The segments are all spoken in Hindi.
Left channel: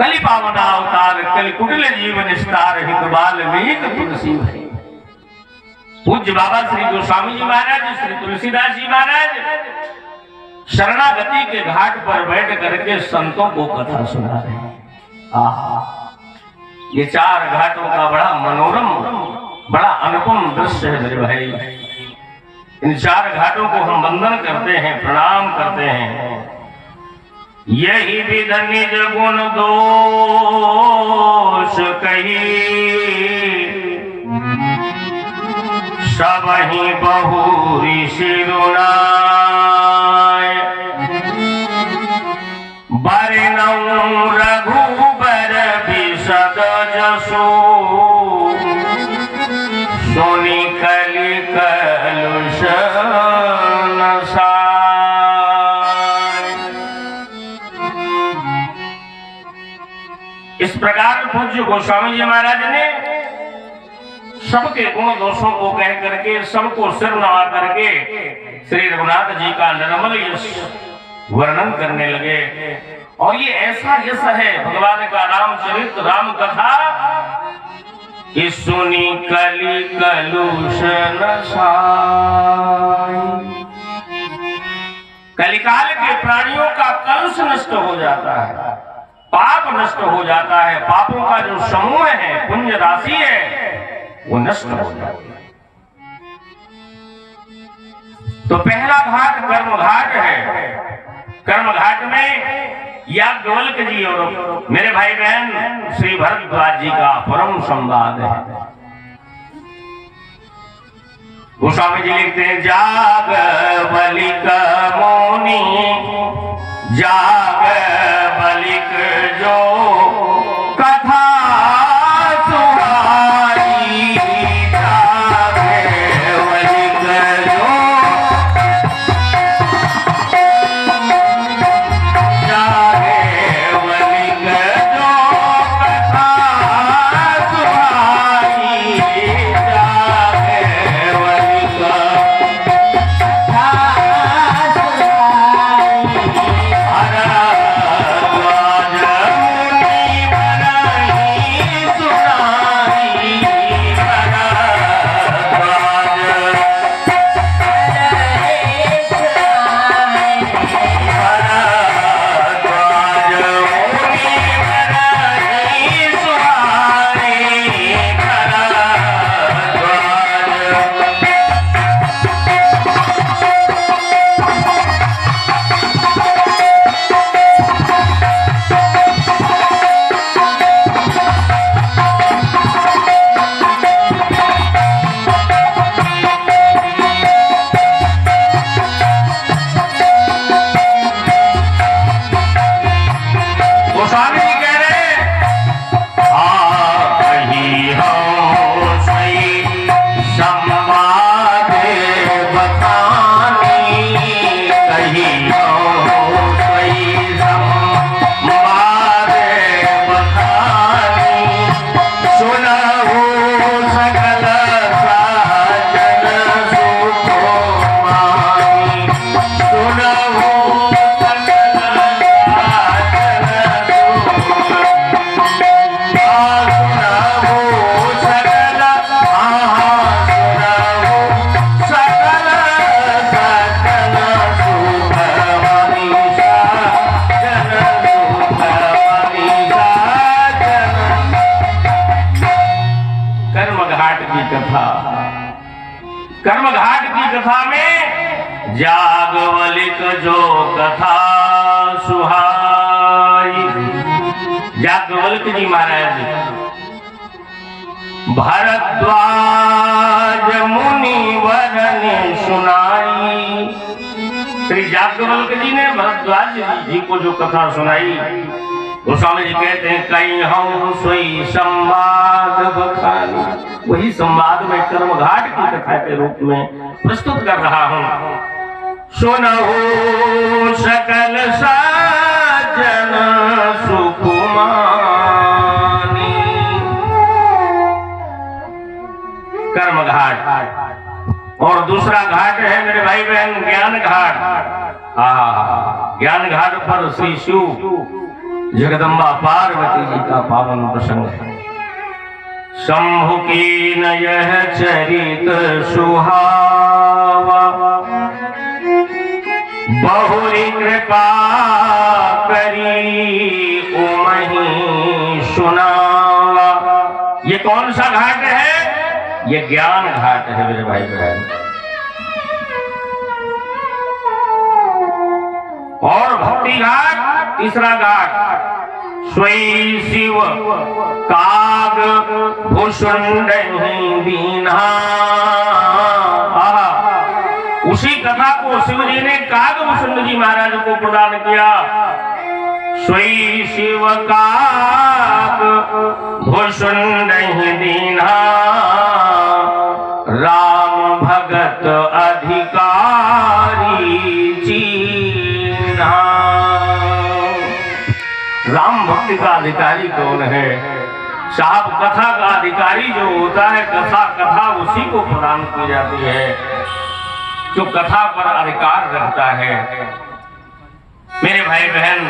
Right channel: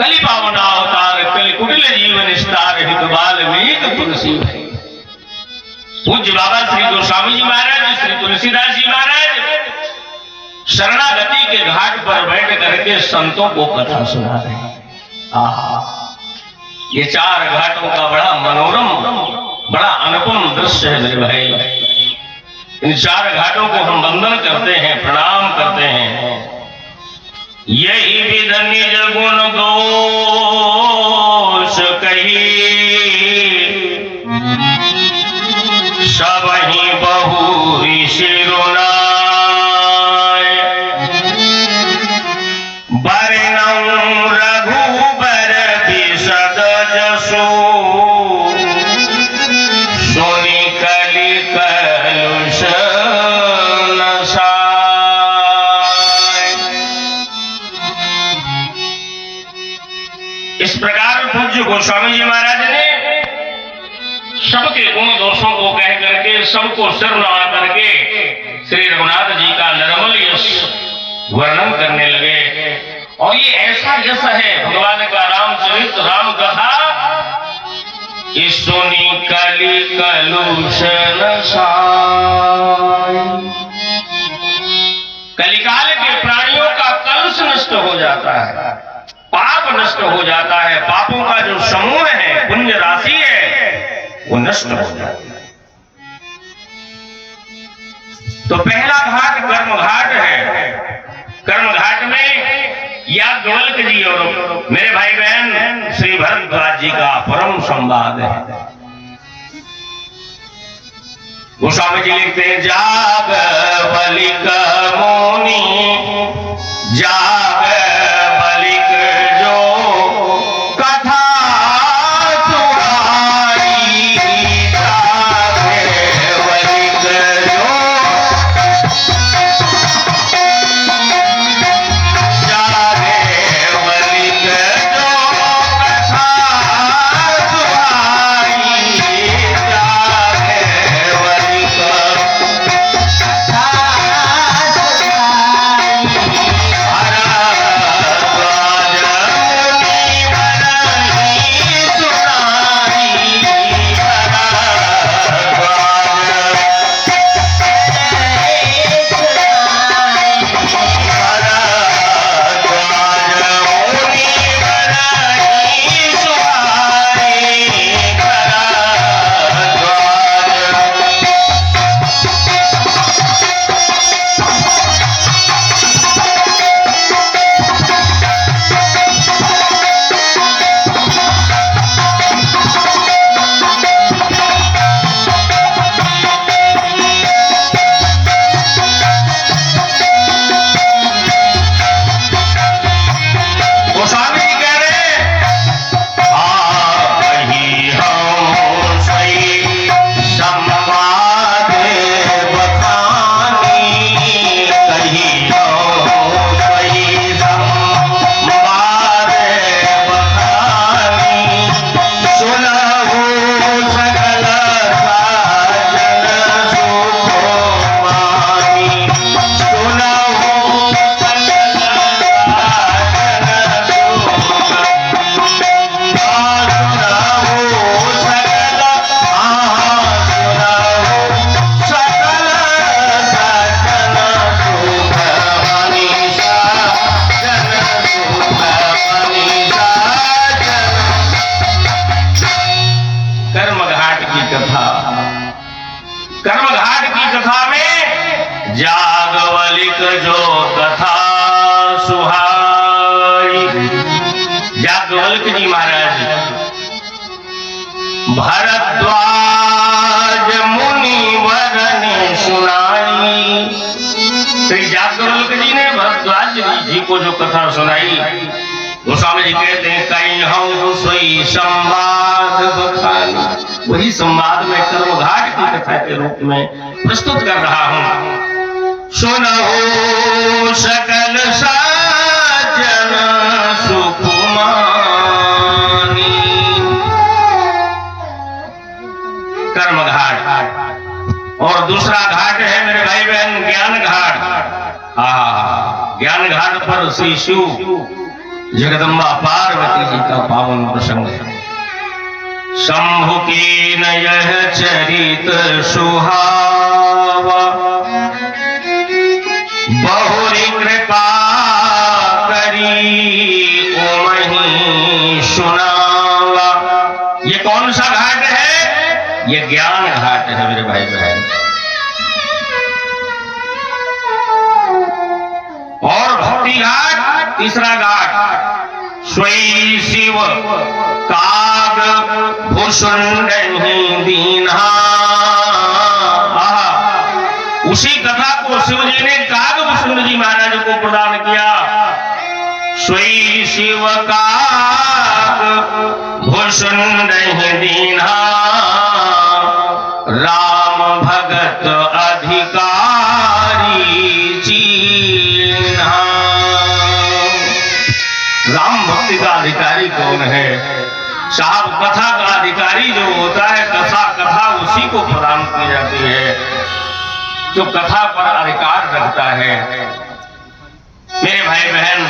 कलि पावन अवतार कलि कुटिल जीवन निस्तार हित वाल्मीकि तुलसी भई। पूज्य बाबा श्री गोस्वामी जी महाराज, श्री तुलसीदास जी महाराज शरणागति के घाट पर बैठ करके संतों को कथा सुना रहे हैं। आहा, ये चार घाटों का बड़ा मनोरम, बड़ा अनुपम दृश्य है मेरे भाई। इन चार घाटों को हम वंदन करते हैं, प्रणाम करते हैं। यही विध निज गुण दोष कही, सबहि बहु ऋषि रुनाय। बरनउँ रघुबर बिशद जसु, सुनि कलि कलुष नसाय। इस प्रकार पूज्य गोस्वामी जी महाराज ने सबके गुण दोषों को कह करके, सबको सिर नवा करके श्री रघुनाथ जी का निर्मल यश वर्णन करने लगे। और ये ऐसा यश है भगवान का रामचरित राम कथा कि सुनी कलि कलुष नसाय। कलिकाल के प्राणियों का कलुष नष्ट हो जाता है, पाप नष्ट हो जाता है, पापों का जो समूह है, पुण्य राशि है, वो नष्ट हो जाती है। तो पहला घाट कर्म घाट है। कर्म घाट में याज्ञवल्क जी और मेरे भाई बहन श्री भरद्वाज जी का परम संवाद है। गोस्वामी जी लिखते हैं, जागवलिक मौनी जागवलिक जो कथा सुनाई। जागवलिक जो जागवलिक जो कथा सुनाई। जागवलिक जागवलिक जो कथा सुहाई। जागवल्क जी महाराज भरद्वाज मुनिवर ने सुनाई। श्री जागवल्क जी ने भरद्वाज जी को जो कथा सुनाई, गोस्वामी जी कहते हैं, कई हम सोई संवाद बखानी। वही संवाद में कर्मघाट की कथा के रूप में प्रस्तुत कर रहा हूं। सुनहु सकल सज्जन सुकुमानी। कर्मघाट और दूसरा घाट है मेरे भाई बहन ज्ञान घाट। ज्ञान घाट पर श्री शिव जगदम्बा पार्वती जी का पावन प्रसंग है। शंभु की नयह चरित सुहावा, बहुरी कृपा करी ओमहि सुनावा। ये कौन सा घाट है? ये ज्ञान घाट है मेरे भाई बहन। और भक्ति घाट तीसरा घाट, स्वयं शिव काग भूषुंड दीन्हा। उसी कथा को शिव जी ने काग भूषुंड जी महाराज को प्रदान किया। स्वयं शिव काग भूषुंड दीन्हा, राम भगत अधिकारी चीन्हा। राम भक्ति का अधिकारी कौन है? साहब कथा का अधिकारी जो होता है, कथा उसी को प्रदान की जाती है जो कथा पर अधिकार रखता है। मेरे भाई बहन,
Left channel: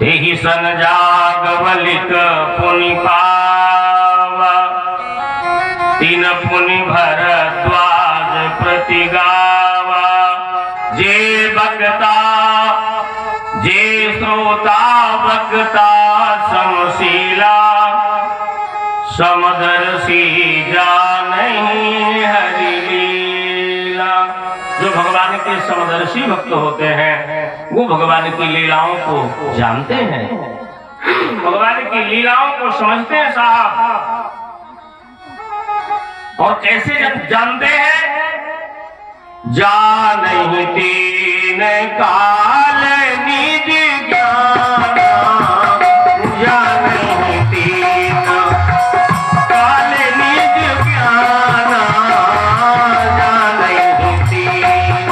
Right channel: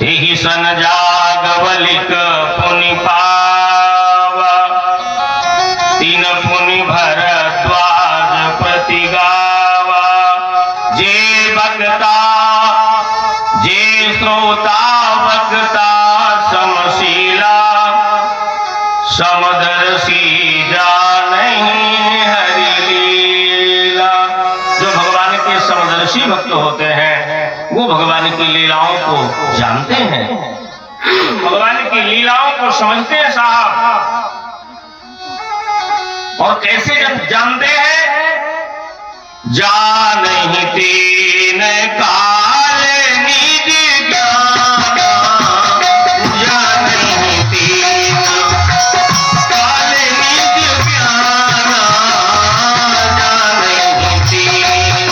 तेहि सन जागवलिक पुनि पावा, तीन पुनि भरद्वाज प्रति गावा। जे बक्ता जे श्रोता वक्ता समशीला, समदर्शी जानहि हरि लीला। जो भगवान के समदर्शी भक्त होते हैं वो भगवान की लीलाओं को जानते हैं, भगवान की लीलाओं को समझते हैं साहब। और कैसे जब जानते हैं? जानहि तीन काल निज ज्ञान, जानहि तीन काल निज ज्ञान, जानहि तीन।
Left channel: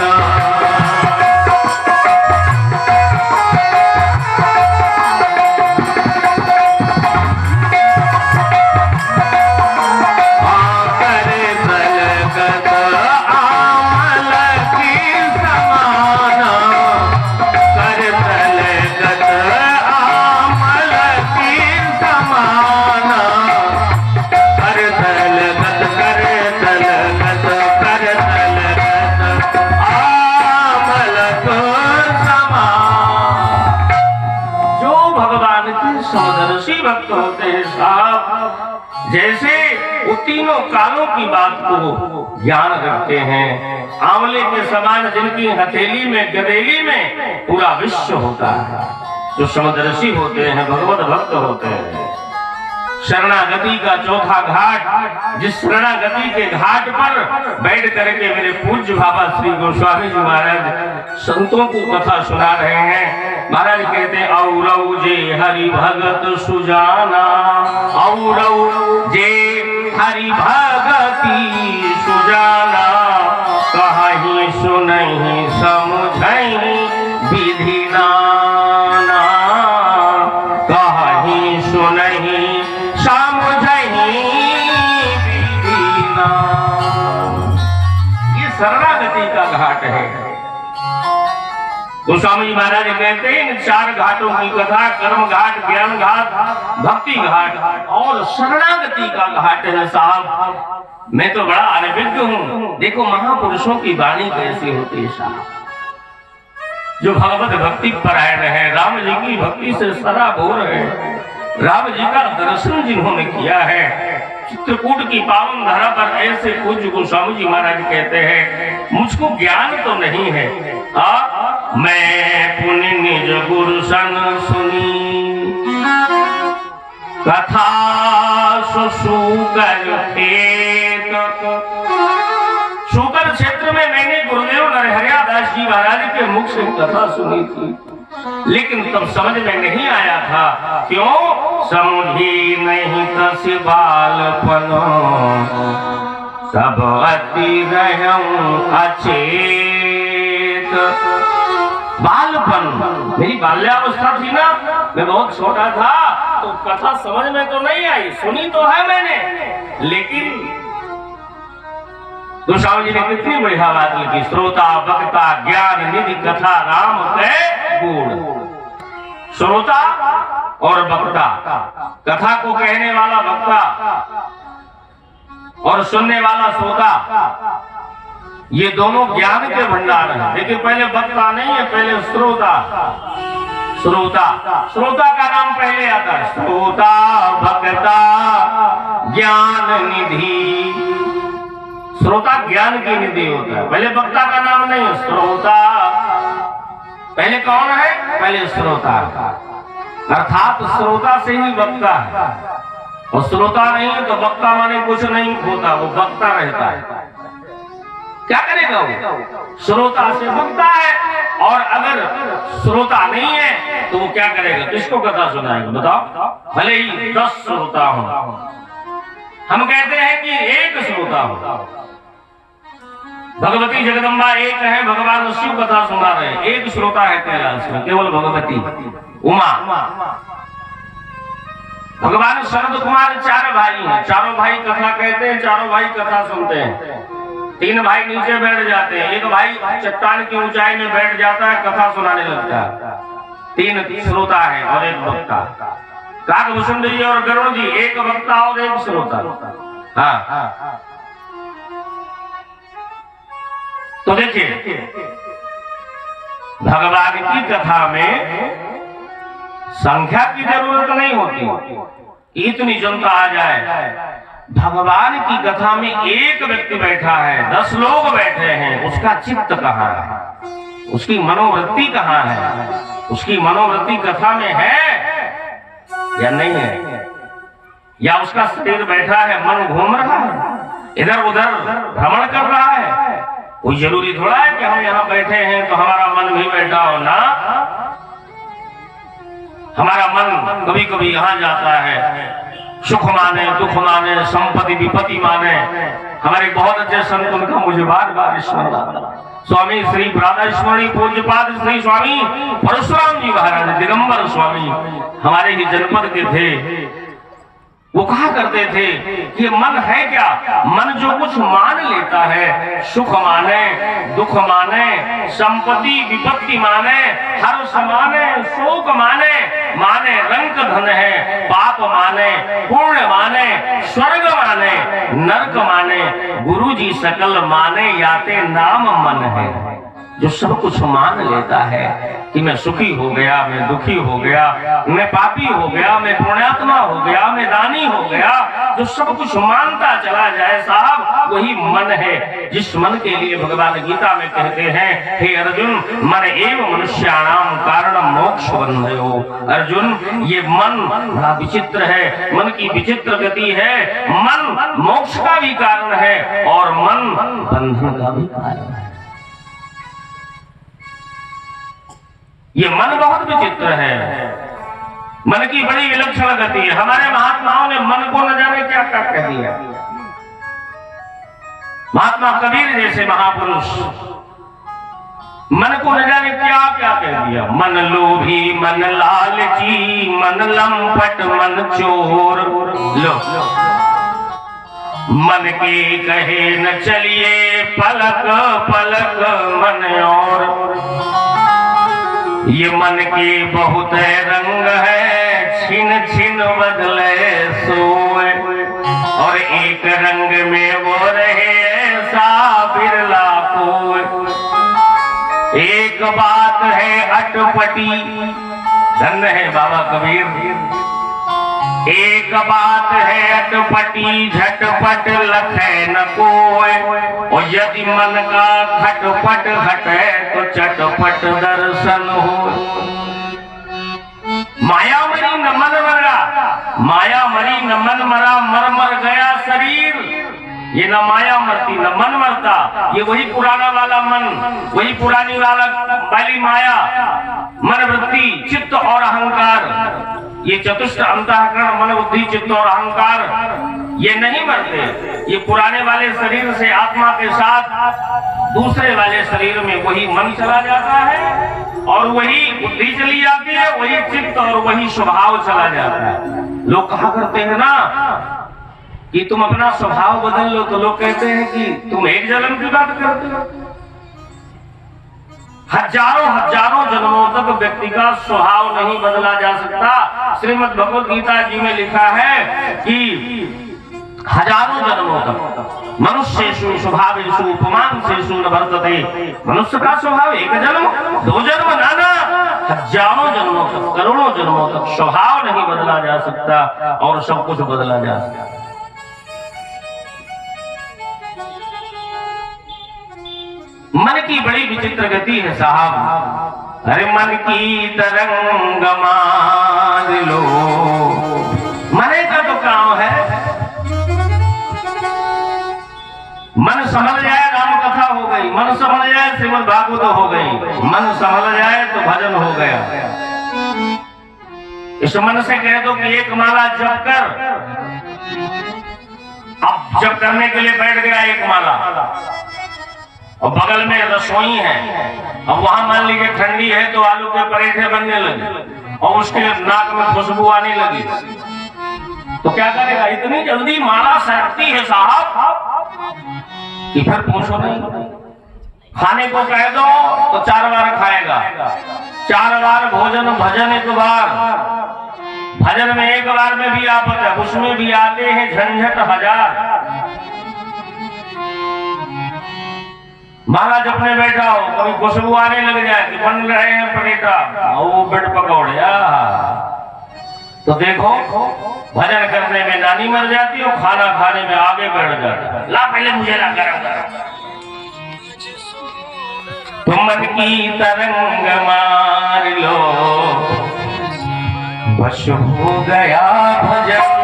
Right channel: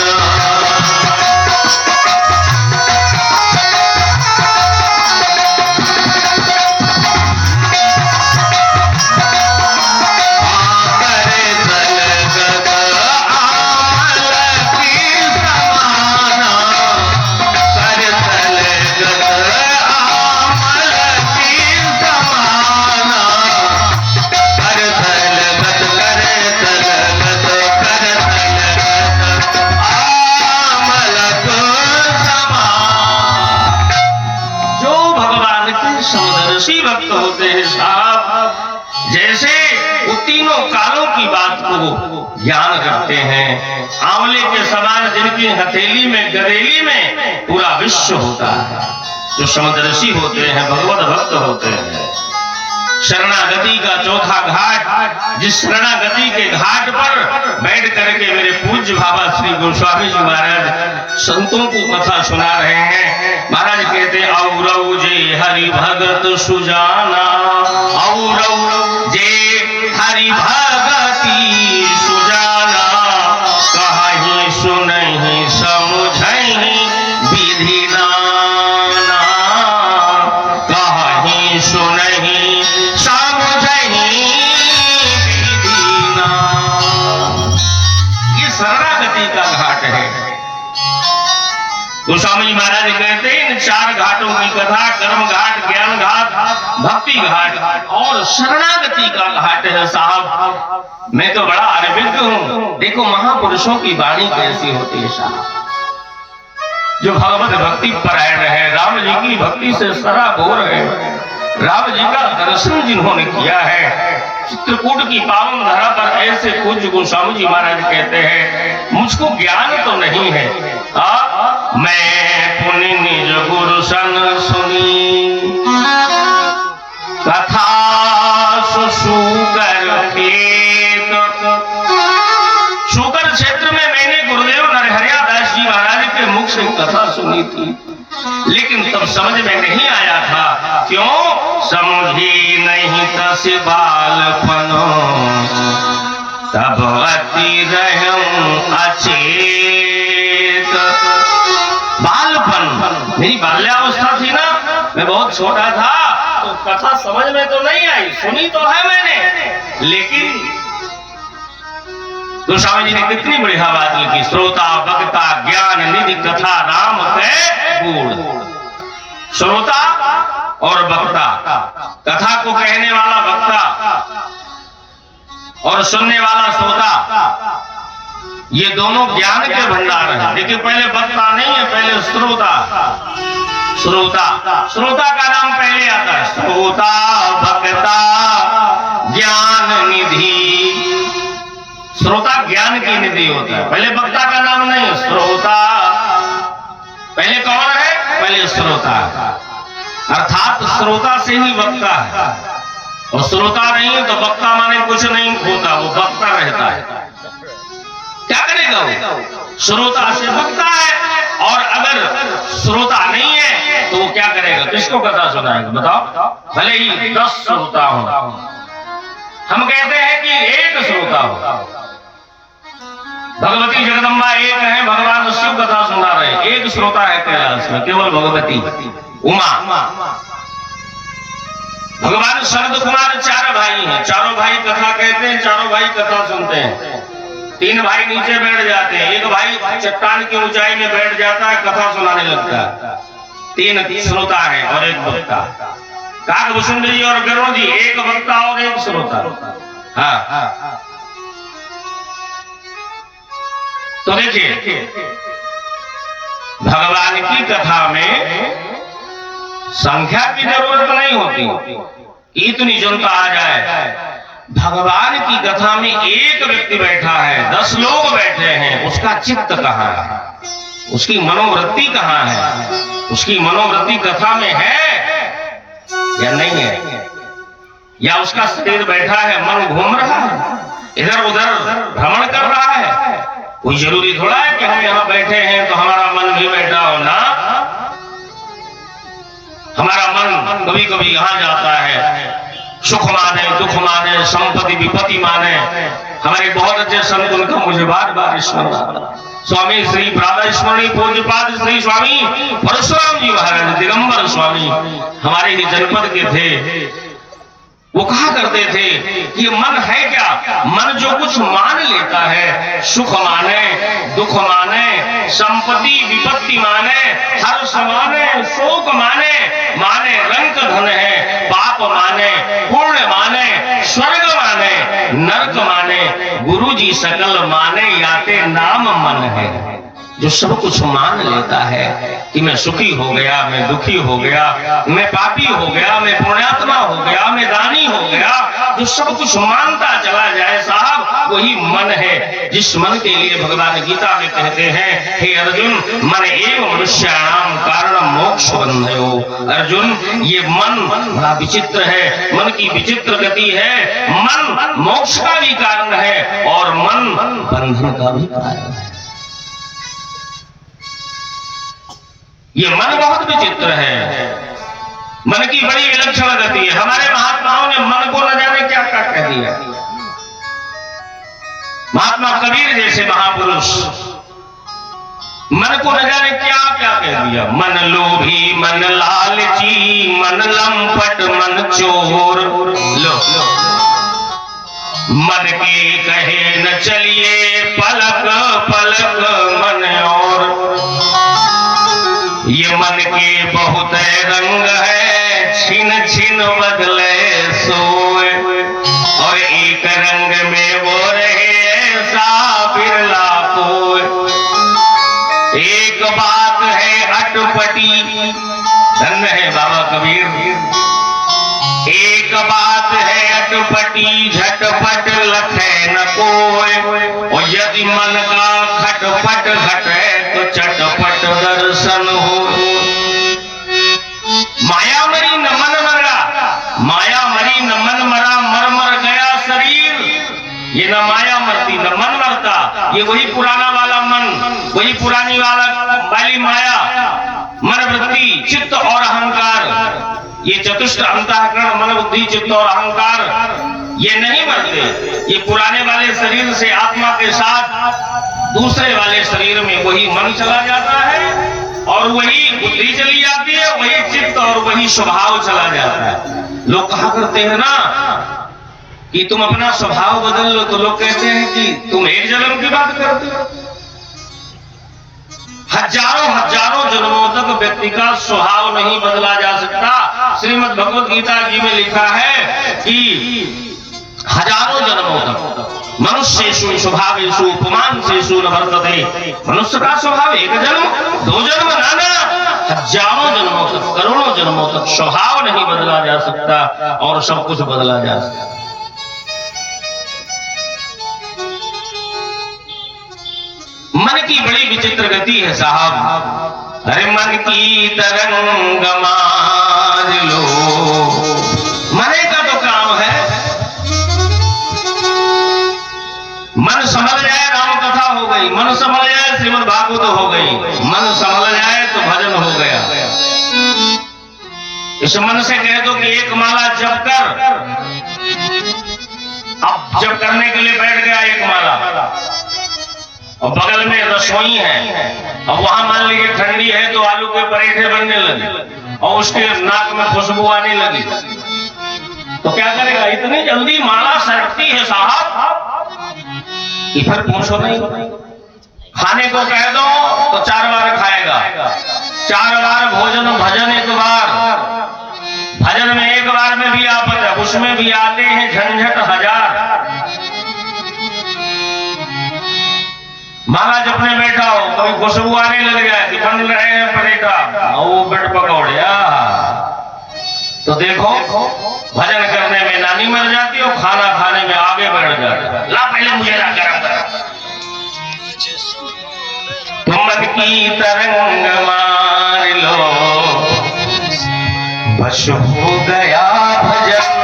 समदर्शी भक्त होते हैं साहब, जैसे वो तीनों कालों की बात को ज्ञान रखते हैं। आंवले के समान जिनकी हथेली में गदेली में पूरा विश्व होता है, जो समदर्शी होते हैं, भगवत भक्त होते हैं। शरणागति का चौथा घाट, जिस शरणागति के घाट पर बैठ करके मेरे पूज्य बाबा श्री गोस्वामी जी महाराज संतों को कथा सुना रहे हैं। महाराज कहते हैं, औरव जे हरि भगत सुजाना, औरव जे हरि भगति सुजाना, कहीं सुनहि समझहि विधि नाना, कहीं सुनहि शरणागति का घाट है। गोस्वामी जी महाराज कहते हैं इन चार घाटों की कथा, कर्म घाट, ज्ञान घाट, भक्ति घाट और शरणागति का घाट है साहब। मैं तो बड़ा अनभिज्ञ हूं। देखो महापुरुषों की वाणी कैसी होती है साहब, जो भगवत भक्ति परायण है, राम जी की भक्ति से सराबोर है, राम जी का दर्शन जिन्होंने किया है। चित्रकूट की पावन धरा पर ऐसे पूज्य गोस्वामी जी महाराज कहते हैं, मुझको ज्ञान तो नहीं है, मैं पुनि निज गुरु सन सुनी, कथा सुकर खेत। शुकर क्षेत्र में मैंने गुरुदेव नरहरिया दास जी महाराज के मुख से कथा सुनी थी, लेकिन तब समझ में नहीं आया था। क्यों? समझी नहीं तस बालपनो, तब अति रहूं अचेत। बालपन, मेरी बाल्यावस्था थी ना, मैं बहुत छोटा था, तो कथा समझ में तो नहीं आई, सुनी तो है मैंने, लेकिन गोस्वामी जी ने कितनी बढ़िया बात लिखी, श्रोता वक्ता ज्ञान निधि कथा राम के गुण। श्रोता और वक्ता, कथा को कहने वाला वक्ता और सुनने वाला श्रोता, ये दोनों ज्ञान के भंडार हैं। लेकिन पहले वक्ता नहीं है, पहले श्रोता। श्रोता, श्रोता का नाम पहले आता है। श्रोता वक्ता ज्ञान निधि। श्रोता ज्ञान की निधि होता है, पहले वक्ता का नाम नहीं है। श्रोता पहले कौन है? पहले श्रोता, अर्थात श्रोता से ही वक्ता है। और श्रोता नहीं है तो वक्ता माने कुछ नहीं होता, वो वक्ता रहता है। क्या करेगा वो? श्रोता से वक्ता है, और अगर श्रोता नहीं है तो वो क्या करेगा? किसको कथा सुनाएगा? बताओ। भले ही 10 श्रोता हो, हम कहते हैं कि एक श्रोता हो। भगवती जगदम्बा एक है, भगवान शिव कथा सुना रहे, एक श्रोता है कैलाश में, केवल भगवती उमा। भगवान शरद कुमार 4 भाई हैं, चारों भाई कथा कहते हैं, चारों भाई कथा सुनते हैं। 3 भाई नीचे बैठ जाते हैं, एक भाई चट्टान की ऊंचाई में बैठ जाता है, कथा सुनाने लगता है। 3 श्रोता है और एक वक्ता। काकभूषण जी और गरुड़ जी, एक वक्ता और एक श्रोता। हाँ, तो देखिए, भगवान की कथा में संख्या की जरूरत नहीं होती, इतनी जनता आ जाए। भगवान की कथा में एक व्यक्ति बैठा है, 10 लोग बैठे हैं, उसका चित्त कहाँ है? उसकी मनोवृत्ति कहाँ है? उसकी मनोवृत्ति कथा में है या नहीं है? या उसका शरीर बैठा है, मन घूम रहा है, इधर उधर भ्रमण कर रहा है? कोई जरूरी थोड़ा है कि हम यहाँ बैठे हैं तो हमारा मन भी बैठा हो ना। हमारा मन कभी कभी यहाँ जाता है, सुख माने, दुख माने, संपत्ति विपत्ति माने। हमारे बहुत अच्छे संत, उनका मुझे बार बार स्मरण आता। स्वामी श्री राधा स्मरणी पूज्यपाद श्री स्वामी परशुराम जी महाराज दिगंबर स्वामी हमारे ही जनपद के थे। वो कहा करते थे कि ये मन है क्या? मन जो कुछ मान लेता है, सुख माने, दुख माने, संपत्ति विपत्ति माने, हर्ष माने, शोक माने, माने रंक धन है, पाप माने, पुण्य माने, स्वर्ग माने, नरक माने, गुरु जी सकल माने, याते नाम मन है। जो सब कुछ मान लेता है कि मैं सुखी हो गया, मैं दुखी हो गया, मैं पापी हो गया, मैं पुण्यात्मा हो गया, मैं दानी हो गया, जो सब कुछ मानता चला जाए साहब, वही मन है। जिस मन के लिए भगवान गीता में कहते हैं, हे अर्जुन, मन एव मनुष्याणाम कारण मोक्ष बंधयो। अर्जुन, ये मन बड़ा विचित्र है, मन की विचित्र गति है। मन मोक्ष का भी कारण है और मन बंधन का भी कारण है। ये मन बहुत विचित्र है, मन की बड़ी विलक्षण गति है। हमारे महात्माओं ने मन को न जाने क्या क्या कह दिया। महात्मा कबीर जैसे महापुरुष मन को न जाने क्या क्या कह दिया। मन लोभी, मन लालची, मन लंपट, मन चोर। लो, मन के कहे न चलिए पलक पलक मन और। ये मन के बहुत रंग है, छिन छिन बदले सोए, और एक रंग में वो रहे ऐसा बिरला कोई। एक बात है अटपटी, धन्य है बाबा कबीर। एक बात है अटपटी, झटपट लखे न कोई, और यदि मन का खटपट घटे तो चटपट दर्शन हो। माया मरी न मन मरा, माया मरी न मन मरा, मर मर गया शरीर। ये न माया मरती न मन मरता, ये वही पुराना वाला मन, वही पुरानी वाली माया, मन वृत्ति, चित्त और अहंकार। ये चतुष्ट अंतःकरण, मन बुद्धि चित्त और अहंकार, ये नहीं मरते। ये पुराने वाले शरीर से आत्मा के साथ दूसरे वाले शरीर में वही मन चला जाता है, और वही बुद्धि चली जाती है, वही चित्त और वही स्वभाव चला जाता है। लोग कहा करते हैं ना कि तुम अपना स्वभाव बदल लो, तो लोग कहते हैं कि तुम एक जन्म की बात करते हो। हजारों हजारों जन्मों तक व्यक्ति का स्वभाव नहीं बदला जा सकता। श्रीमद् भगवत गीता जी में लिखा है कि हजारों जन्मों तक मनुष्येषु स्वभावेषु उपमांसेषु न वर्तते। मनुष्य का स्वभाव एक जन्म दो जन्म नाना, हजारों जन्मों तक करोड़ों जन्मों तक स्वभाव नहीं बदला जा सकता और सब कुछ बदला जा सकता। मन की बड़ी विचित्र गति है साहब। अरे मन की तरंग मार लो, मने का तो काम है। मन संभल जाए राम कथा हो गई, मन संभल जाए श्रीमद् भागवत हो गई, मन संभल जाए तो भजन हो गया। इस मन से कह दो कि एक माला जप कर, अब जप करने के लिए बैठ गया एक माला और बगल में रसोई है, अब वहां मान लीजिए ठंडी है तो आलू के पराठे बनने लगे और उसके नाक में खुशबू आने लगी, तो क्या करेगा? इतनी जल्दी माला सरकती है साहब कि फिर पूछो नहीं। खाने को कह दो तो 4 बार खाएगा, 4 बार भोजन भजन 1 बार, भजन में 1 बार में भी आपत है, उसमें भी आते हैं झंझट 1000। माला जपने बैठा हो कभी खुशबू आने लग जाए कि बन रहे हैं पराठा और वो ब्रेड पकौड़े, तो देखो भजन करने में नानी मर जाती और खाना खाने में आगे बढ़ जाती। ला पहले मुझे ला गरम गरम। तुम मन की तरंग मार लो, बस हो गया भजन।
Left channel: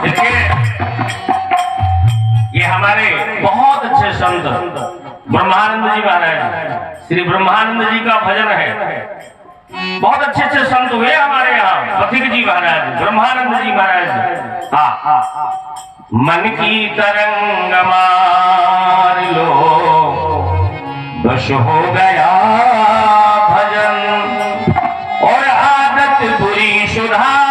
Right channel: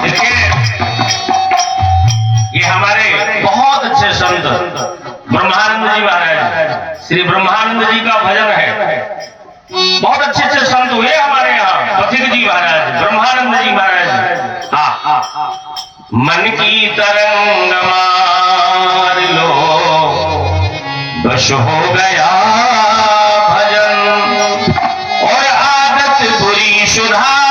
देखिए ये हमारे बहुत अच्छे संत ब्रह्मानंद जी महाराज, श्री ब्रह्मानंद जी का भजन है। बहुत अच्छे अच्छे संत हुए हमारे यहाँ, पथिक जी महाराज, ब्रह्मानंद जी महाराज। मन की तरंग मार लो, बस हो गया भजन, और आदत बुरी सुधार